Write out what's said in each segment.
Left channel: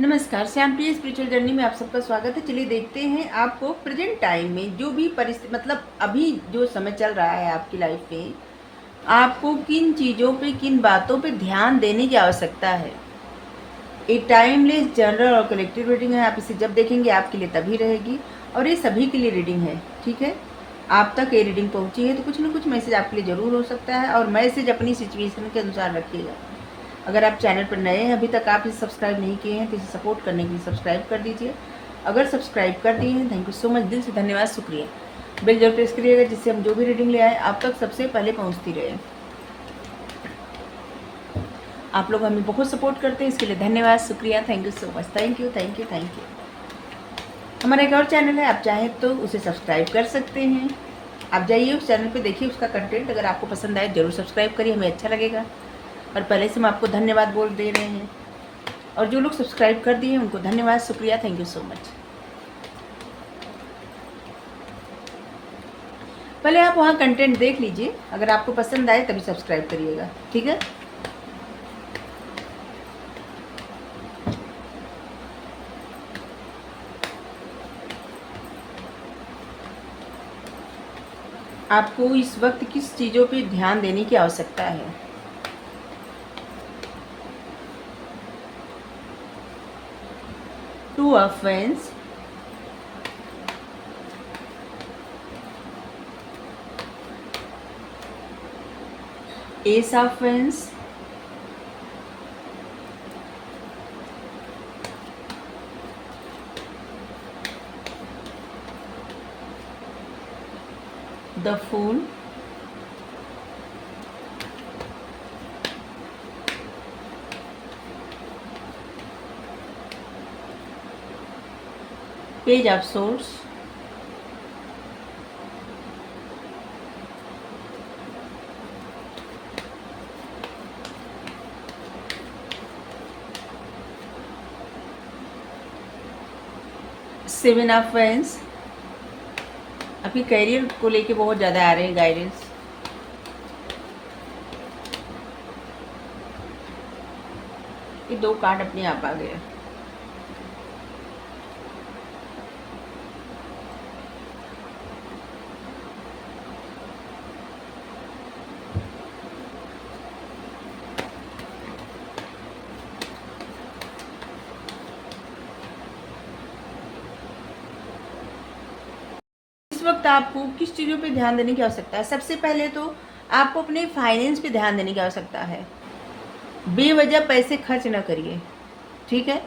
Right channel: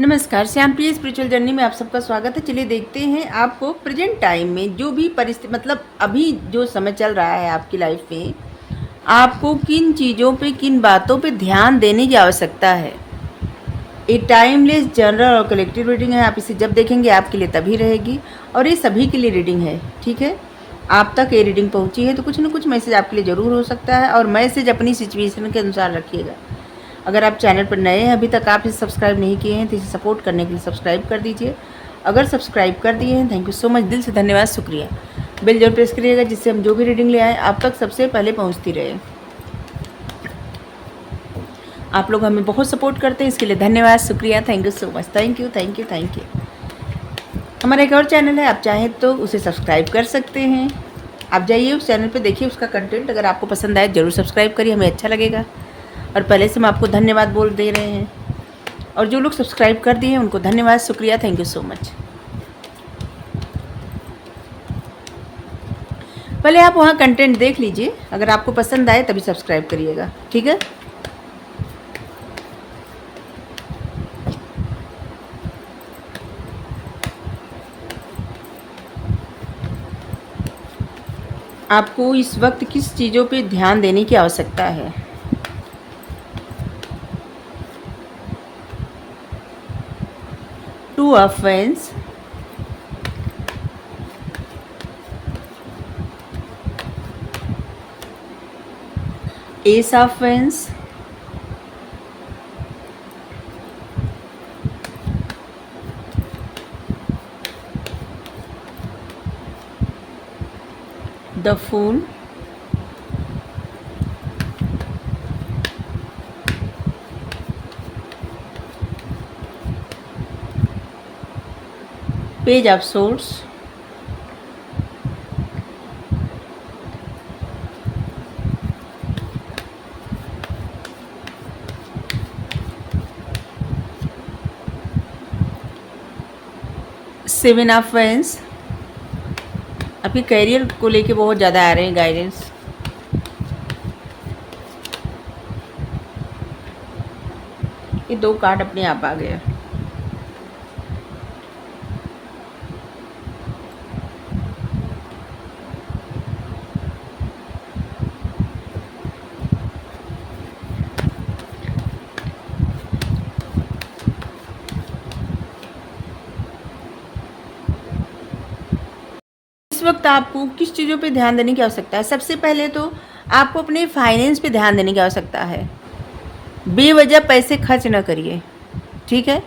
नमस्कार, श्याम प्रिय spiritual journey में आप सबका स्वागत है। चलिए देखते हैं आपको प्रेजेंट टाइम में जो भी परिस्थिति मतलब अभी जो समय चल रहा है आपकी लाइफ में, आपको किन चीज़ों पे किन बातों पे ध्यान देने की आवश्यकता है। ये टाइमलेस जनरल और कलेक्टिव रीडिंग है। आप इसे जब देखेंगे आपके लिए तभी रहेगी और ये सभी के लिए रीडिंग है। ठीक है, आप तक ये रीडिंग पहुंची है तो कुछ ना कुछ मैसेज आपके लिए ज़रूर हो सकता है और मैसेज अपनी सिचुएशन के अनुसार रखिएगा। अगर आप चैनल पर नए हैं, अभी तक आप इसे सब्सक्राइब नहीं किए हैं तो इसे सपोर्ट करने के लिए सब्सक्राइब कर दीजिए। अगर सब्सक्राइब कर दिए हैं, थैंक यू सो मच, दिल से धन्यवाद, शुक्रिया। बेल जरूर प्रेस करिएगा जिससे हम जो भी रीडिंग ले आए आप तक सबसे पहले पहुंचती रहे। आप लोग हमें बहुत सपोर्ट करते हैं, इसके लिए धन्यवाद, शुक्रिया, thank you so much, thank you thank you thank you. हमारा एक और चैनल है, आप चाहें तो उसे सब्सक्राइब कर सकते हैं। आप जाइए उस चैनल पे, देखिए उसका कंटेंट, अगर आपको पसंद आए ज़रूर सब्सक्राइब करिए, हमें अच्छा लगेगा। और पहले से हम आपको धन्यवाद बोल दे रहे हैं और जो लोग सब्सक्राइब कर दिए हैं उनको धन्यवाद, शुक्रिया, थैंक यू सो मच। पहले आप वहाँ कंटेंट देख लीजिए, अगर आपको पसंद आए तभी सब्सक्राइब करिएगा, ठीक है। आपको इस वक्त किस चीज़ों पे ध्यान देने की आवश्यकता है। Two of wands, ace of wands, the fool, page of swords, seven of wands. अभी कैरियर को लेके बहुत ज़्यादा आ रहे हैं गाइडेंस। ये दो कार्ड अपने आप आ गया। इस वक्त आपको किस चीज़ों पे ध्यान देने की आवश्यकता है। सबसे पहले तो आपको अपने फाइनेंस पे ध्यान देने की आवश्यकता है। बेवजह पैसे खर्च ना करिए, ठीक है,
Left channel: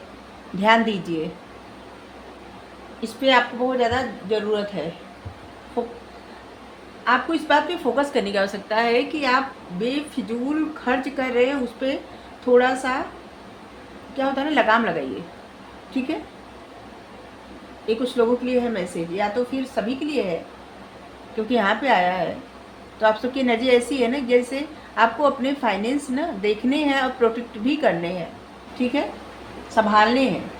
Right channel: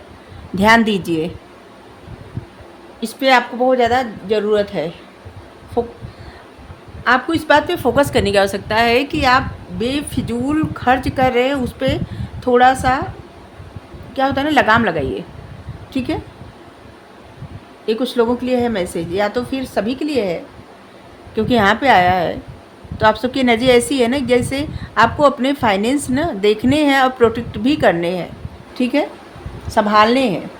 ध्यान दीजिए, इस पे आपको बहुत ज़्यादा ज़रूरत है। आपको इस बात पे फोकस करने की आवश्यकता है कि आप बेफिजूल खर्च कर रहे हैं, उस पर थोड़ा सा क्या होता है ना, लगाम लगाइए, ठीक है। ये कुछ लोगों के लिए है मैसेज, या तो फिर सभी के लिए है, क्योंकि यहाँ पे आया है तो आप सबकी एनर्जी ऐसी है ना, जैसे आपको अपने फाइनेंस ना देखने हैं और प्रोटेक्ट भी करने हैं, ठीक है, संभालने हैं,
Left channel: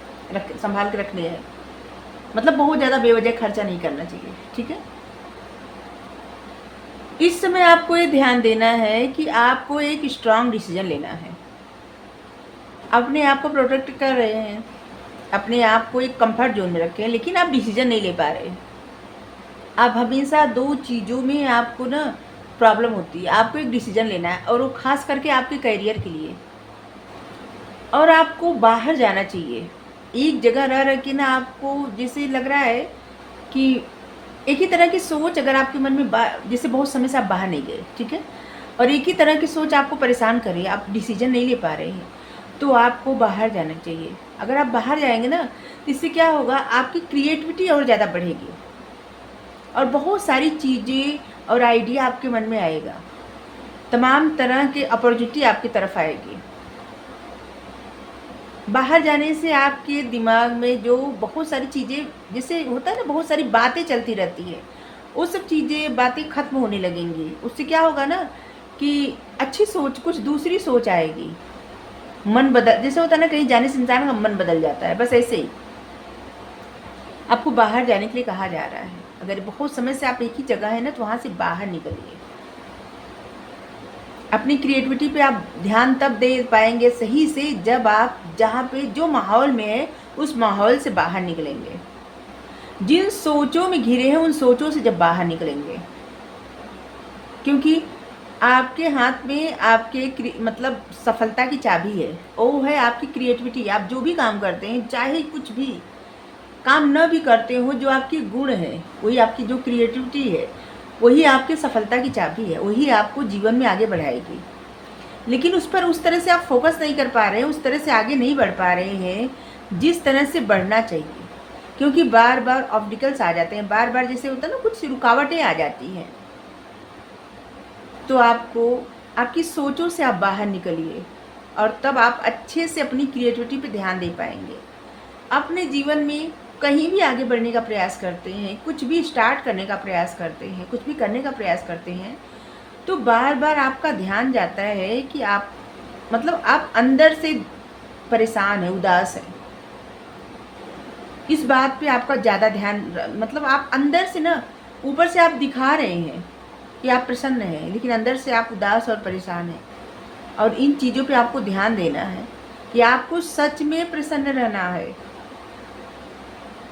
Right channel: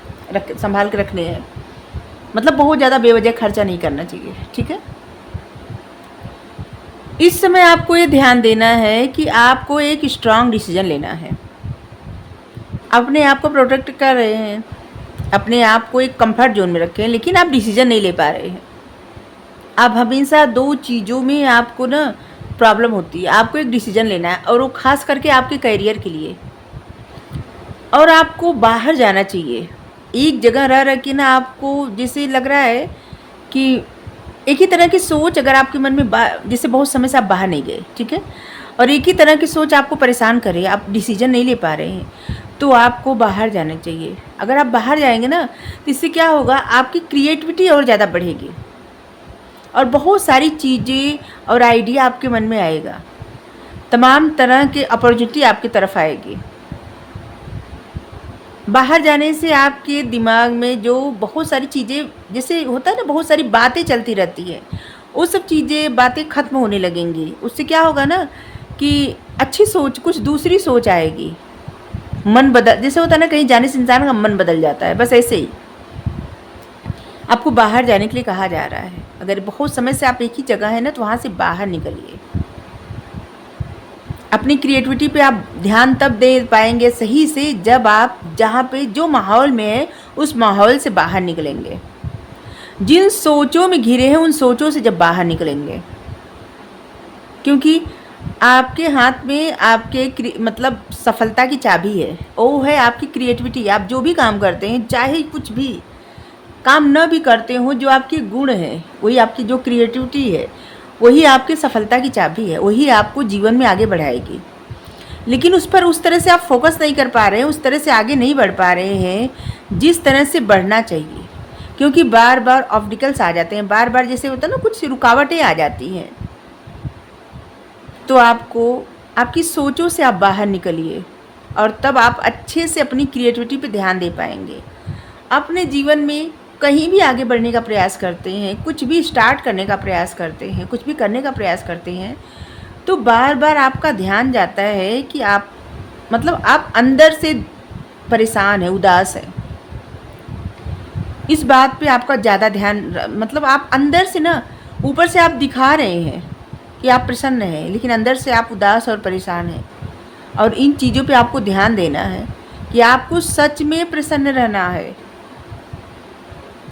संभाल के रखने हैं। मतलब बहुत ज़्यादा बेवजह खर्चा नहीं करना चाहिए, ठीक है। इस समय आपको ये ध्यान देना है कि आपको एक स्ट्रांग डिसीजन लेना है। अपने आप को प्रोटेक्ट कर रहे हैं, अपने आप को एक कंफर्ट जोन में रखे हैं, लेकिन आप डिसीजन नहीं ले पा रहे हैं। आप हमेशा दो चीज़ों में आपको ना प्रॉब्लम होती है। आपको एक डिसीजन लेना है और वो खास करके आपके करियर के लिए, और आपको बाहर जाना चाहिए। एक जगह रह रह के ना आपको जैसे लग रहा है कि एक ही तरह की सोच अगर आपके मन में जैसे बहुत समय से आप बाहर नहीं गए, ठीक है, और एक ही तरह की सोच आपको परेशान करे, आप डिसीजन नहीं ले पा रहे हैं, तो आपको बाहर जाना चाहिए। अगर आप बाहर जाएंगे ना तो इससे क्या होगा, आपकी क्रिएटिविटी और ज़्यादा बढ़ेगी और बहुत सारी चीज़ें और आइडिया आपके मन में आएगा। तमाम तरह के अपॉर्चुनिटी आपकी तरफ आएगी। बाहर जाने से आपके दिमाग में जो बहुत सारी चीज़ें, जैसे होता है ना, बहुत सारी बातें चलती रहती है, वो सब चीज़ें बातें ख़त्म होने लगेंगी। उससे क्या होगा ना कि अच्छी सोच, कुछ दूसरी सोच आएगी। मन बदल, जैसे होता है ना, कहीं जाने से इंसान का मन बदल जाता है, बस ऐसे ही आपको बाहर जाने के लिए कहा जा रहा है। अगर बहुत समय से आप एक ही जगह है ना तो वहाँ से बाहर निकलिए। अपनी क्रिएटिविटी पे आप ध्यान तब दे पाएंगे सही से जब आप जहाँ पे जो माहौल में है उस माहौल से बाहर निकलेंगे। जिन सोचों में घिरे हैं उन सोचों से जब बाहर निकलेंगे, क्योंकि आपके हाथ में आपके मतलब सफलता की चाबी है, वो है आपकी क्रिएटिविटी। आप जो भी काम करते हैं, चाहे कुछ भी काम न भी करते हो, जो आपके गुण है वही आपकी जो क्रिएटिविटी है वही आपकी सफलता की चाबी है, वही आपको जीवन में आगे बढ़ाएगी। लेकिन उस पर उस तरह से आप फोकस नहीं कर पा रहे हैं, उस तरह से आगे नहीं बढ़ पा रहे हैं जिस तरह से बढ़ना चाहिए, क्योंकि बार बार ऑब्स्टिकल्स आ जाते हैं, बार बार जैसे होता है ना, कुछ रुकावटें आ जाती हैं। तो आपको आपकी सोचों से आप बाहर निकलिए और तब आप अच्छे से अपनी क्रिएटिविटी पे ध्यान दे पाएंगे। अपने जीवन में कहीं भी आगे बढ़ने का प्रयास करते हैं, कुछ भी स्टार्ट करने का प्रयास करते हैं, कुछ भी करने का प्रयास करते हैं, तो बार बार आपका ध्यान जाता है कि आप मतलब आप अंदर से परेशान है, उदास है। इस बात पे आपका ज़्यादा ध्यान, मतलब आप अंदर से ना, ऊपर से आप दिखा रहे हैं कि आप प्रसन्न हैं, लेकिन अंदर से आप उदास और परेशान हैं। और इन चीज़ों पे आपको ध्यान देना है कि आपको सच में प्रसन्न रहना है,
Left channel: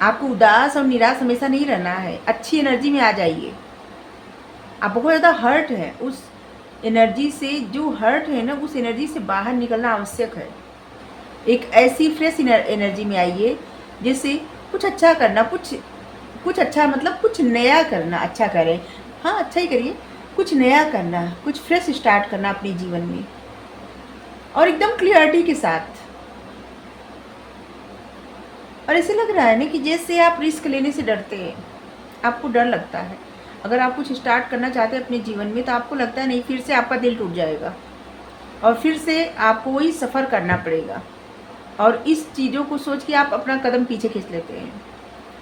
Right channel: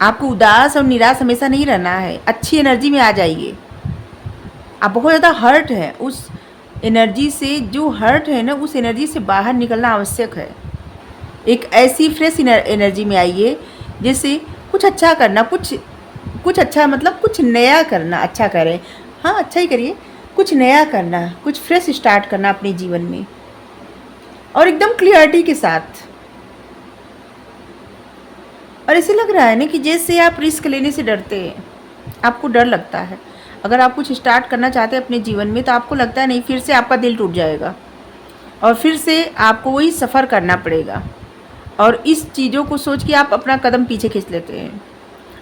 आपको उदास और निराश हमेशा नहीं रहना है। अच्छी एनर्जी में आ जाइए। आप बहुत ज़्यादा हर्ट है, उस एनर्जी से, जो हर्ट है ना, उस एनर्जी से बाहर निकलना आवश्यक है। एक ऐसी फ्रेश एनर्जी में आइए जैसे कुछ अच्छा करना, कुछ अच्छा, मतलब कुछ नया करना। अच्छा करें, हाँ अच्छा ही करिए, कुछ नया करना, कुछ फ्रेश स्टार्ट करना अपने जीवन में, और एकदम क्लियरिटी के साथ। और ऐसे लग रहा है ना कि जैसे आप रिस्क लेने से डरते हैं, आपको डर लगता है। अगर आप कुछ स्टार्ट करना चाहते हैं अपने जीवन में, तो आपको लगता है नहीं, फिर से आपका दिल टूट जाएगा और फिर से आपको वही सफ़र करना पड़ेगा। और इस चीज़ों को सोच के आप अपना कदम पीछे खींच लेते हैं।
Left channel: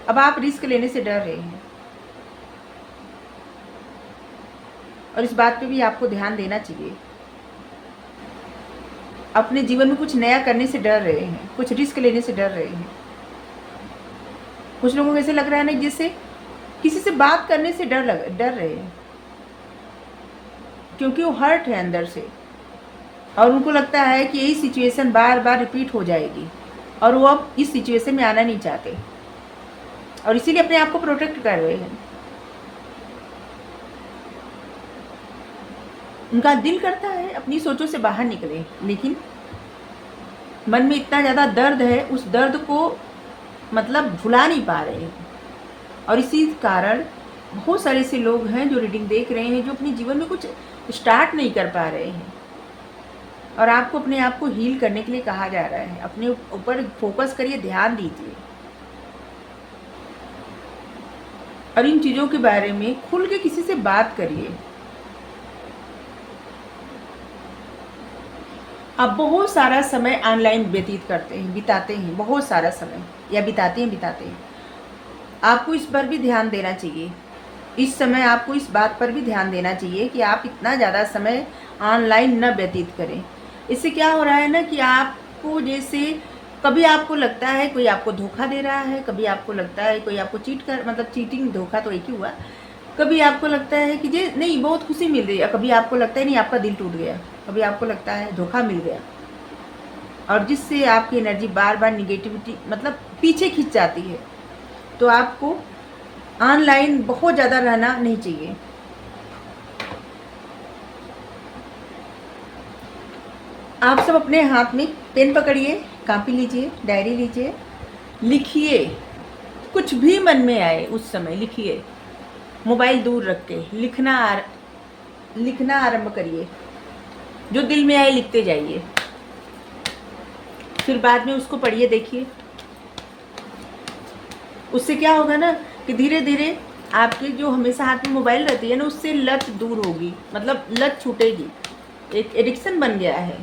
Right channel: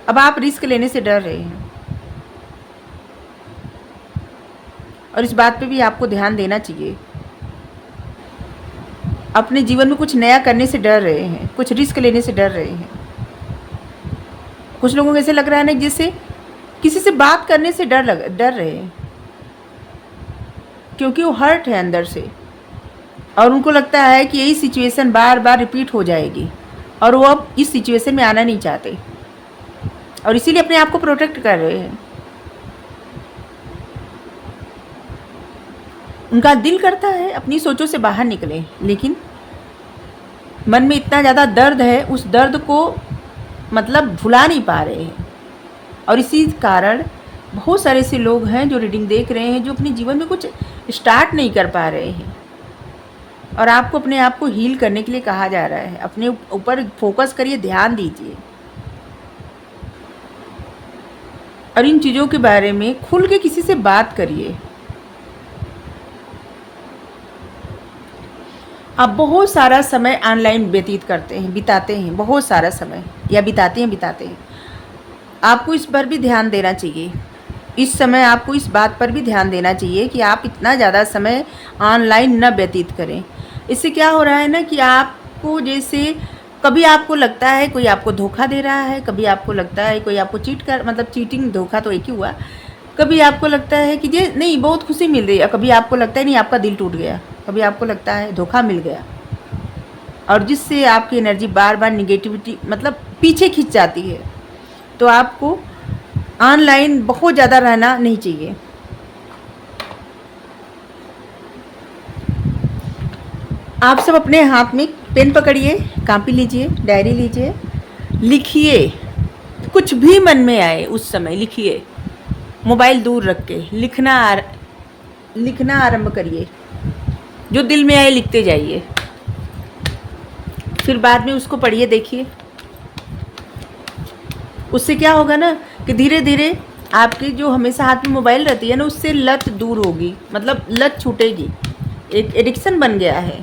अब आप रिस्क लेने से डर रहे हैं, और इस बात पे भी आपको ध्यान देना चाहिए। अपने जीवन में कुछ नया करने से डर रहे हैं, कुछ रिस्क लेने से डर रहे हैं। कुछ लोगों को ऐसे लग रहा है ना जैसे किसी से बात करने से डर रहे हैं, क्योंकि वो हर्ट है अंदर से, और उनको लगता है कि यही सिचुएशन बार बार रिपीट हो जाएगी, और वो अब इस सिचुएशन में आना नहीं चाहते, और इसीलिए अपने आप को प्रोटेक्ट कर रहे हैं। उनका दिल करता है अपनी सोचों से बाहर निकले, लेकिन मन में इतना ज़्यादा दर्द है, उस दर्द को मतलब भुला नहीं पा रहे हैं। और इसी कारण बहुत सारे ऐसे लोग हैं जो रीडिंग देख रहे हैं, जो अपने जीवन में कुछ स्टार्ट नहीं कर पा रहे हैं। और आपको अपने आप को हील करने के लिए कहा जा रहा है। अपने ऊपर फोकस करिए, ध्यान दीजिए, और इन चीज़ों के बारे में खुल के किसी से बात करिए। आप बहुत सारा समय ऑनलाइन व्यतीत करते हैं, बिताते हैं, बहुत सारा समय, या बिताते हैं। आपको इस पर भी ध्यान देना चाहिए। इस समय आपको इस बात पर भी ध्यान देना चाहिए कि आप इतना ज़्यादा समय ऑनलाइन न व्यतीत करें। इससे क्या हो रहा है ना कि आपको जैसे कभी आपको लगता है कोई आपको धोखा दे रहा है, कभी आपको लगता है कोई आपको मतलब चीटिंग, धोखा तो एक ही हुआ। कभी आपको लगता है कि ये नहीं, बहुत खुशी मिल रही है, कभी आपको लगता है नहीं, आपका दिल टूट गया, कभी आपको लगता है धोखा मिल गया, और जिससे आपकी एनर्जी बार बार निगेटिविटी मतलब पीछे खींच जाती है। तो आपको ऑनलाइन बहुत ज़्यादा रहना नहीं चाहिए। आप सब अपने हाथ में पेन पकड़िए, कापी लीजिए, डायरी लीजिए, लिखिए, कुछ भी मन में आए उस समय लिखिए। मोबाइल दूर रख के लिखना आरंभ करिए। जो दिल में आए लिखते जाइए, फिर बाद में उसको पढ़िए, देखिए। उससे क्या होगा ना कि धीरे धीरे आपके जो हमेशा हाथ में मोबाइल रहती है ना, उससे लत दूर होगी, मतलब लत छूटेगी। एक एडिक्शन बन गया है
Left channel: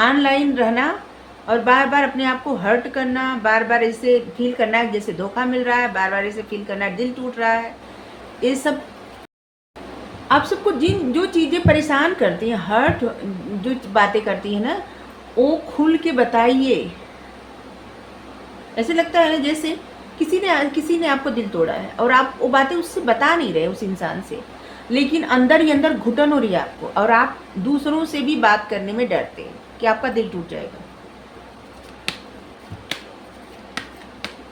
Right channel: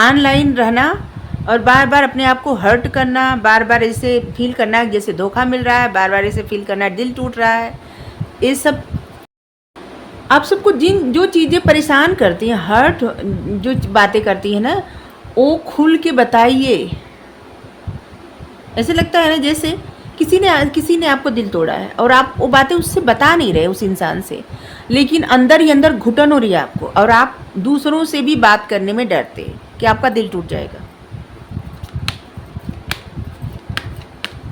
ऑनलाइन रहना, और बार बार अपने आप को हर्ट करना, बार बार ऐसे फील करना जैसे धोखा मिल रहा है, बार बार ऐसे फील करना दिल टूट रहा है। ये सब आप सबको जो चीज़ें परेशान करती हैं, हर्ट जो बातें करती हैं ना, वो खुल के बताइए। ऐसे लगता है ना जैसे किसी ने आपको दिल तोड़ा है और आप वो बातें उससे बता नहीं रहे, उस इंसान से, लेकिन अंदर ही अंदर घुटन हो रही है आपको, और आप दूसरों से भी बात करने में डरते हैं कि आपका दिल टूट जाएगा।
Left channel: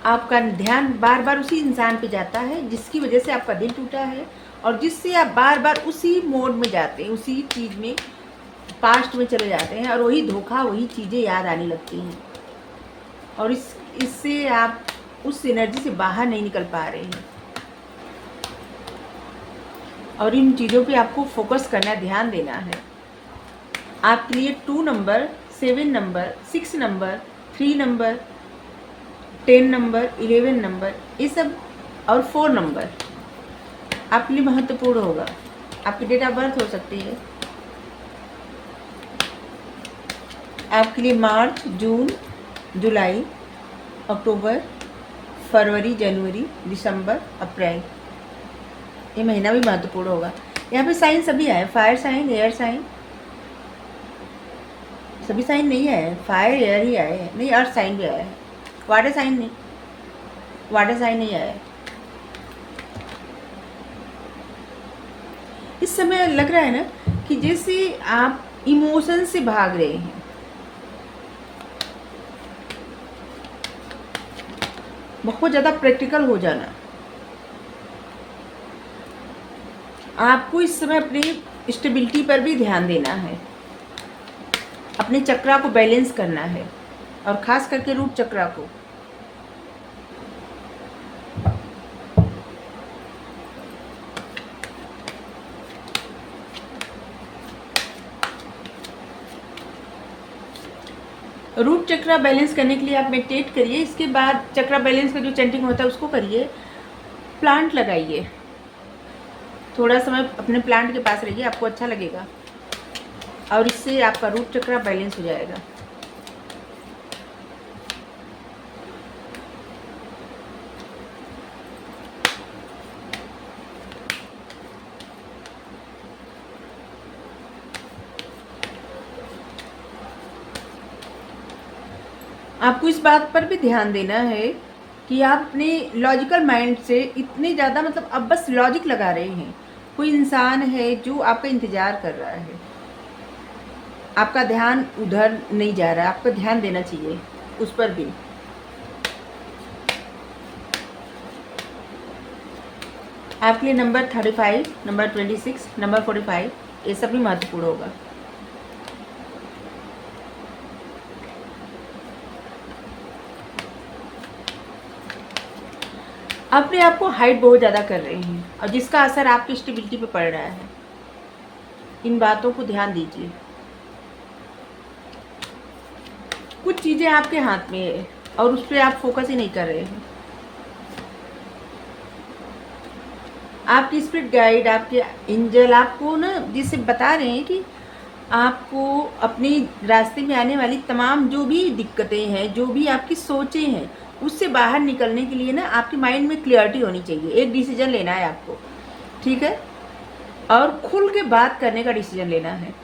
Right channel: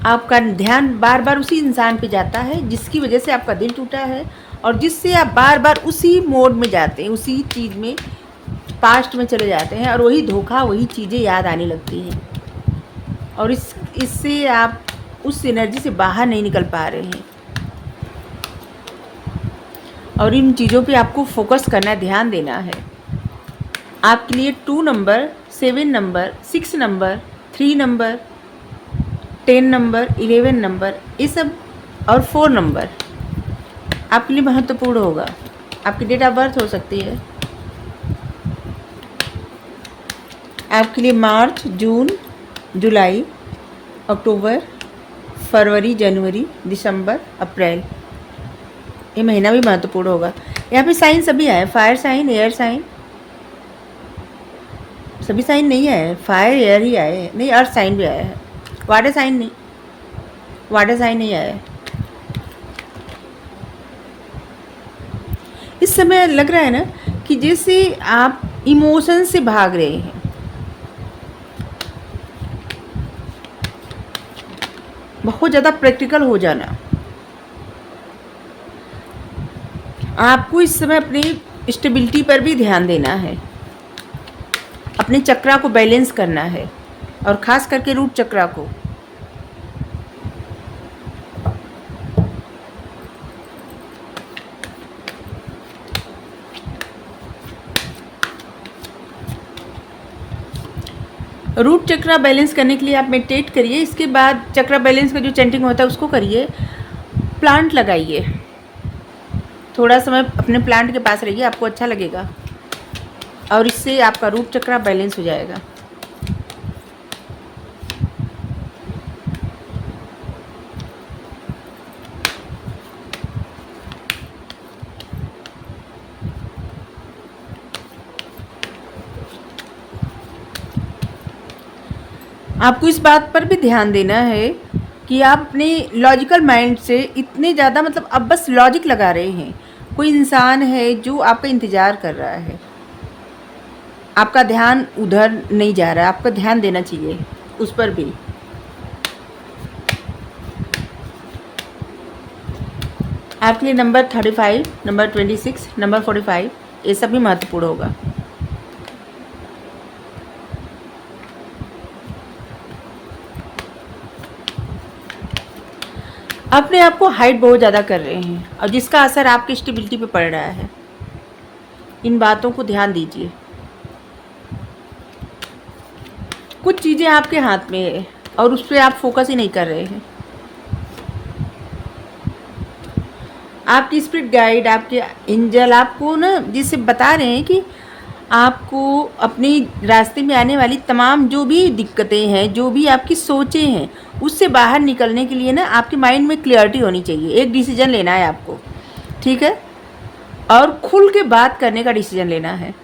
आपका ध्यान बार बार उसी इंसान पे जाता है जिसकी वजह से आपका दिल टूटा है, और जिससे आप बार बार उसी मोड में जाते हैं, उसी चीज़ में पास्ट में चले जाते हैं, और वही धोखा, वही चीज़ें याद आने लगती हैं, और इससे आप उस एनर्जी से बाहर नहीं निकल पा रहे हैं। और इन चीज़ों पे आपको फोकस करना है, ध्यान देना है। आपके लिए 2 number, 7 number, 6 number, 3 number, 10 number, 11 number, ये सब, और 4 नंबर आपके लिए महत्वपूर्ण होगा। आपकी डेट ऑफ बर्थ हो सकती है आपके लिए मार्च, जून, जुलाई, अक्टूबर, फरवरी, जनवरी, दिसंबर, अप्रैल, ये महीना भी महत्वपूर्ण होगा। यहाँ पे साइन सभी आए, फायर साइन, एयर साइन, सभी साइन नहीं आए, फायर एयर ही आए हैं, नहीं अर्थ साइन भी आया है, वाटर साइन नहीं, वाटर साइन नहीं आया है। इस समय लग रहा है ना कि जैसे आप इमोशन से भाग रहे हैं, बहुत ज़्यादा प्रैक्टिकल हो जाना। आपको इस समय अपनी स्टेबिलिटी पर भी ध्यान देना है, अपने चक्रा को बैलेंस करना है, और ख़ास करके रूट चक्रा को। रूट चक्रा बैलेंस करने के लिए आप मेडिटेट करिए, इसके बाद चक्रा बैलेंस का जो चैंटिंग होता है उसको करिए, प्लांट लगाइए, थोड़ा समय अपने प्लांट के पास रहिए, आपको अच्छा लगेगा, और इससे आपका रूट चक्रा बैलेंस हो जाएगा। आपको इस बात पर भी ध्यान देना है कि आप अपने लॉजिकल माइंड से इतने ज़्यादा, मतलब अब बस लॉजिक लगा रहे हैं। कोई इंसान है जो आपका इंतज़ार कर रहा है, आपका ध्यान उधर नहीं जा रहा है, आपका ध्यान देना चाहिए उस पर भी। आपके लिए नंबर 35, नंबर 26, नंबर 45, ये सब भी महत्वपूर्ण होगा। अपने आप को हाइड बहुत ज़्यादा कर रहे हैं, और जिसका असर आपकी स्टेबिलिटी पे पड़ रहा है। इन बातों को ध्यान दीजिए। कुछ चीज़ें आपके हाथ में है और उस पर आप फोकस ही नहीं कर रहे हैं। आपकी स्पिरिट गाइड, आपके एंजल आपको ना जिससे बता रहे हैं कि आपको अपने रास्ते में आने वाली तमाम जो भी दिक्कतें हैं, जो भी आपकी सोचें हैं, उससे बाहर निकलने के लिए ना आपके माइंड में क्लियरिटी होनी चाहिए। एक डिसीजन लेना है आपको, ठीक है, और खुल के बात करने का डिसीजन लेना है,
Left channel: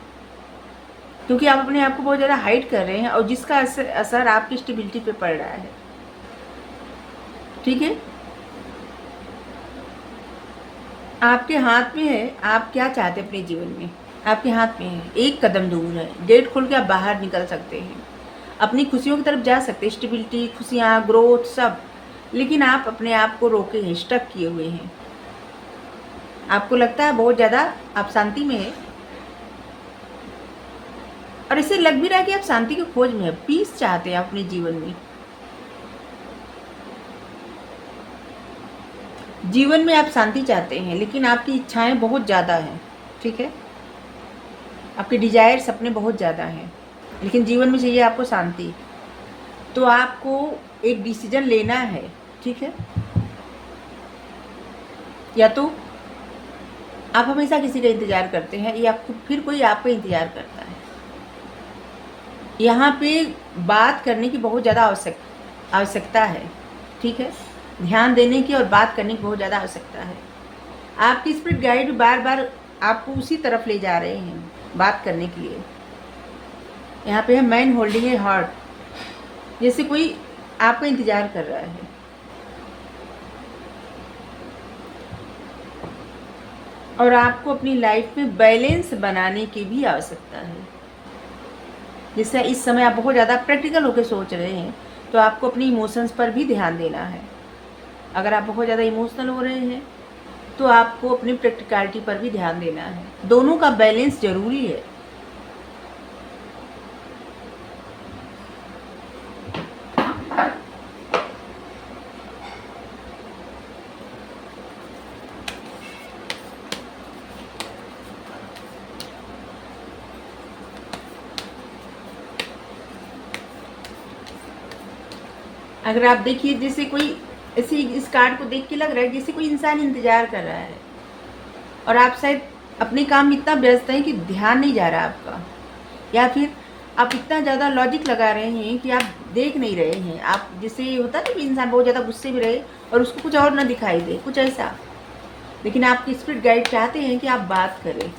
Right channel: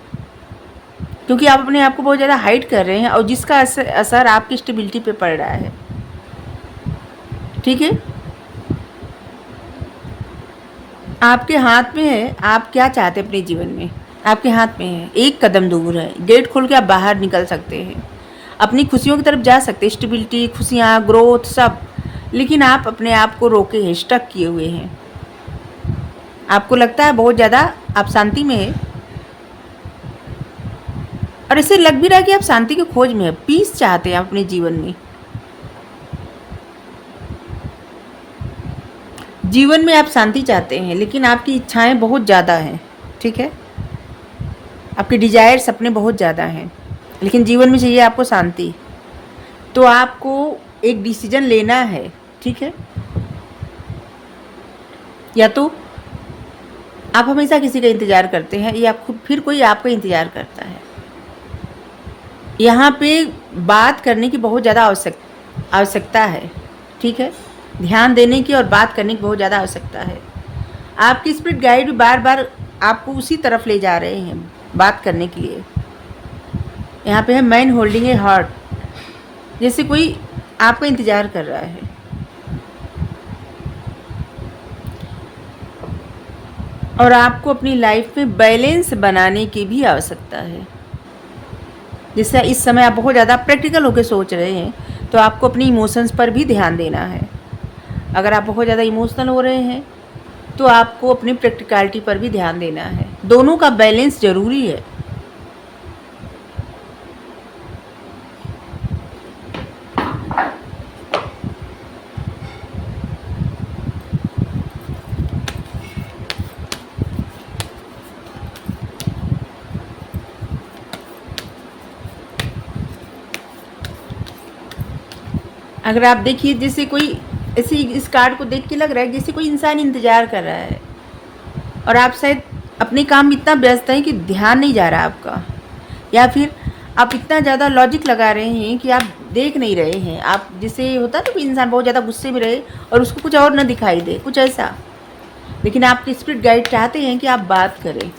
क्योंकि आप अपने आप को बहुत ज़्यादा हाइड कर रहे हैं और जिसका असर आपकी स्टेबिलिटी पे पड़ रहा है। ठीक है, आपके हाथ में है आप क्या चाहते हैं अपने जीवन में, आपके हाथ में है। एक कदम दूर है, गेट खोल के आप बाहर निकल सकते हैं, अपनी खुशियों की तरफ जा सकते हैं, स्टेबिलिटी, खुशियाँ, ग्रोथ सब। लेकिन आप अपने आप को रोके हैं, स्टक किए हुए हैं। आपको लगता है बहुत ज़्यादा आप शांति में है, और ऐसे लग भी रहा है कि आप शांति की खोज में है, पीस चाहते हैं अपने जीवन में। जीवन में आप शांति चाहते हैं, लेकिन आपकी इच्छाएं बहुत ज़्यादा हैं। ठीक है, आपके डिजायर सपने बहुत ज़्यादा हैं, लेकिन जीवन में चाहिए आपको शांति। तो आपको एक डिसीजन लेना है। ठीक है, या तो आप हमेशा किसी का इंतज़ार करते हैं या आपको फिर कोई आपका इंतज़ार करता है। यहाँ पे बात करने की बहुत ज़्यादा आवश्यकता है। ठीक है, ध्यान देने की और बात करने की बहुत ज़्यादा आवश्यकता है। आपकी स्पिरिट गाइड भी बार बार आपको उसी तरफ ले जा रहे हैं बात करने के लिए। यहाँ पे है मैन होल्डिंग ए हार्ट, जैसे कोई आपका इंतज़ार कर रहा है। और आपको अपनी लाइफ में बैलेंस बनाने की भी आवश्यकता है। जैसे इस समय आप बहुत ज़्यादा प्रैक्टिकल होकर सोच रहे हैं, तो आपको अपनी इमोशंस पर भी ध्यान देना है। अगर आप बहुत ज़्यादा इमोशनल हो रहे हैं तो आपको अपनी प्रैक्टिकलिटी पर भी ध्यान देना है। दोनों का बैलेंस ज़रूरी है। अगर आप देखिए, जैसे कोई ऐसे इस कार्ड को देख के लग रहा है जैसे कोई इंसान इंतज़ार कर रहा है और आप शायद अपने काम में इतना व्यस्त हैं कि ध्यान नहीं जा रहा आपका, या फिर आप इतना ज़्यादा लॉजिक लगा रहे हैं कि आप देख नहीं रहे हैं। आप जैसे होता है ना, कोई इंसान बहुत ज़्यादा गुस्से में रहे और उसको कुछ और ना दिखाई दे, कुछ ऐसा। लेकिन आपके स्पिरिट गाइड चाहते हैं कि आप बात करें।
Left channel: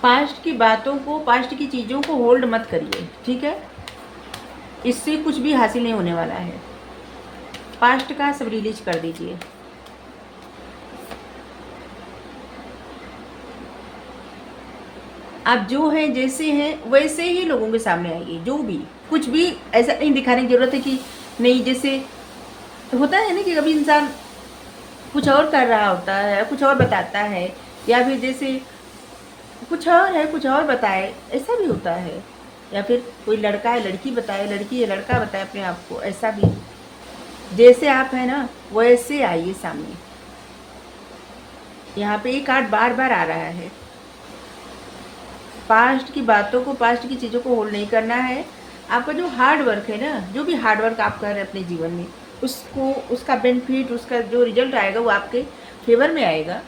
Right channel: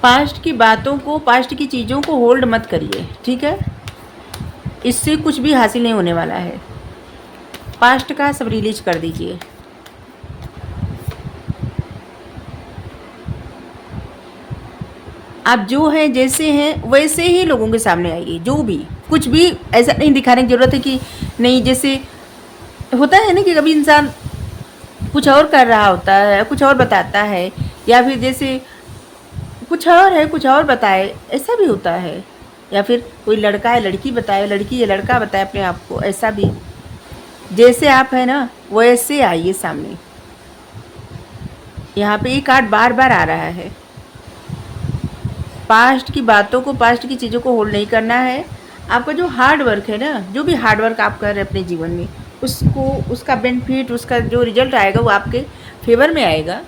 पास्ट की बातों को, पास्ट की चीज़ों को होल्ड मत करिए, ठीक है? इससे कुछ भी हासिल नहीं होने वाला है। पास्ट का सब रिलीज कर दीजिए। आप जो हैं, जैसे हैं वैसे ही लोगों के सामने आइए। जो भी, कुछ भी ऐसा नहीं दिखाने की ज़रूरत है कि नहीं। जैसे होता है ना कि कभी इंसान कुछ और कर रहा होता है, कुछ और बताता है, या फिर जैसे कुछ और है, कुछ और बताए, ऐसा भी होता है। या फिर कोई लड़का है लड़की बताए, लड़की है लड़का बताए अपने आप को, ऐसा भी। जैसे आप है ना वैसे आइए सामने। यहाँ पे एक कार्ड बार बार आ रहा है। पास्ट की बातों को, पास्ट की चीज़ों को होल्ड नहीं करना है। आपका जो हार्ड वर्क है ना, जो भी हार्ड वर्क आप कर रहे हैं अपने जीवन में, उसको, उसका बेनिफिट, उसका जो रिजल्ट आएगा वो आपके फेवर में आएगा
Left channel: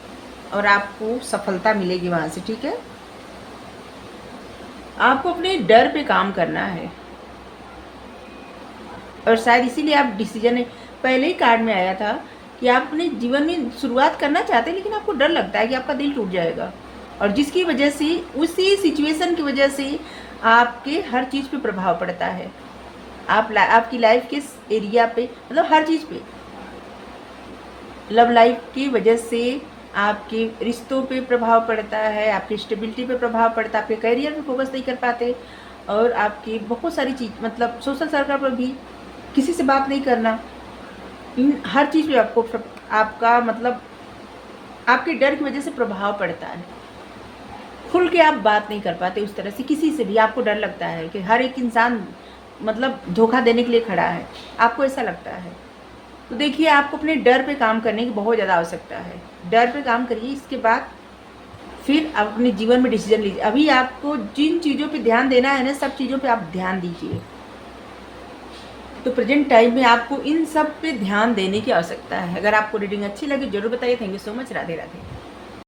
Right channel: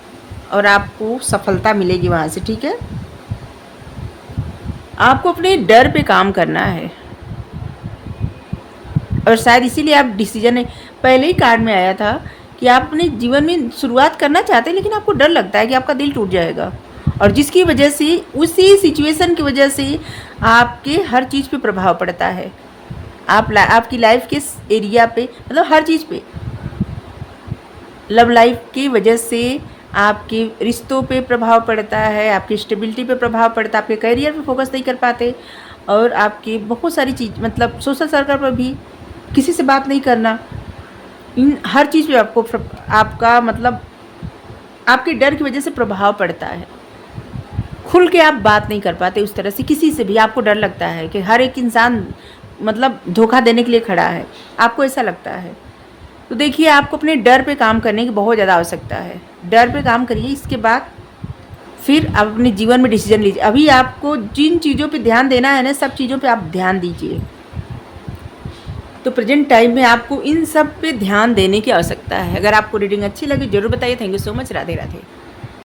और आपको सफलता मिलेगी वहाँ से, ठीक है? आपको अपने डर पे काम करना है और शायद इसीलिए आप डिसीजन, पहले ही कार्ड में आया था कि आप अपने जीवन में शुरुआत करना चाहते हैं लेकिन आपको डर लगता है कि आपका दिल टूट जाएगा, और जिसकी वजह से, उसी सिचुएशन की वजह से आपके हर चीज़ पे प्रभाव पड़ता है। आपकी लाइफ के एरिया पे, मतलब हर चीज़ पे, लव लाइफ की वजह से आपके रिश्तों पे प्रभाव पड़ता है, आपकी स्टेबिलिटी पे प्रभाव पड़ता है, आपके करियर पे फोकस नहीं कर पाते, और आपकी बहुत सारी चीज़, मतलब सोशल सर्कल पर भी किसी से बात नहीं करना, इन हर चीज़ पे आपको आपका मतलब आपके डर की वजह से प्रभाव पड़ता है। खुल के आप बात नहीं कर पाते उस तरह से किसी से भी। आपको डर लगता है कि हर एक इंसान मतलब धोखा देने के लिए खड़ा है, आपको ऐसा लगता है। तो देखिए, आपको अपने डर पे काम करने की बहुत ज़्यादा आवश्यकता है। डर पे काम करिए, इसके बाद फिर आप अपने जीवन में डिसीजन लीजिए। अभी आपको जिन चीज़ों पे ध्यान देना है ना, सब चीज़ों पे आप ध्यान दीजिए। तो प्रेजेंट टाइम में आपको इन सब पे ध्यान देने की आवश्यकता है। अगर आपको रीडिंग अच्छी लगी जरूर बताइए। Thank you so much. Radhe Radhe.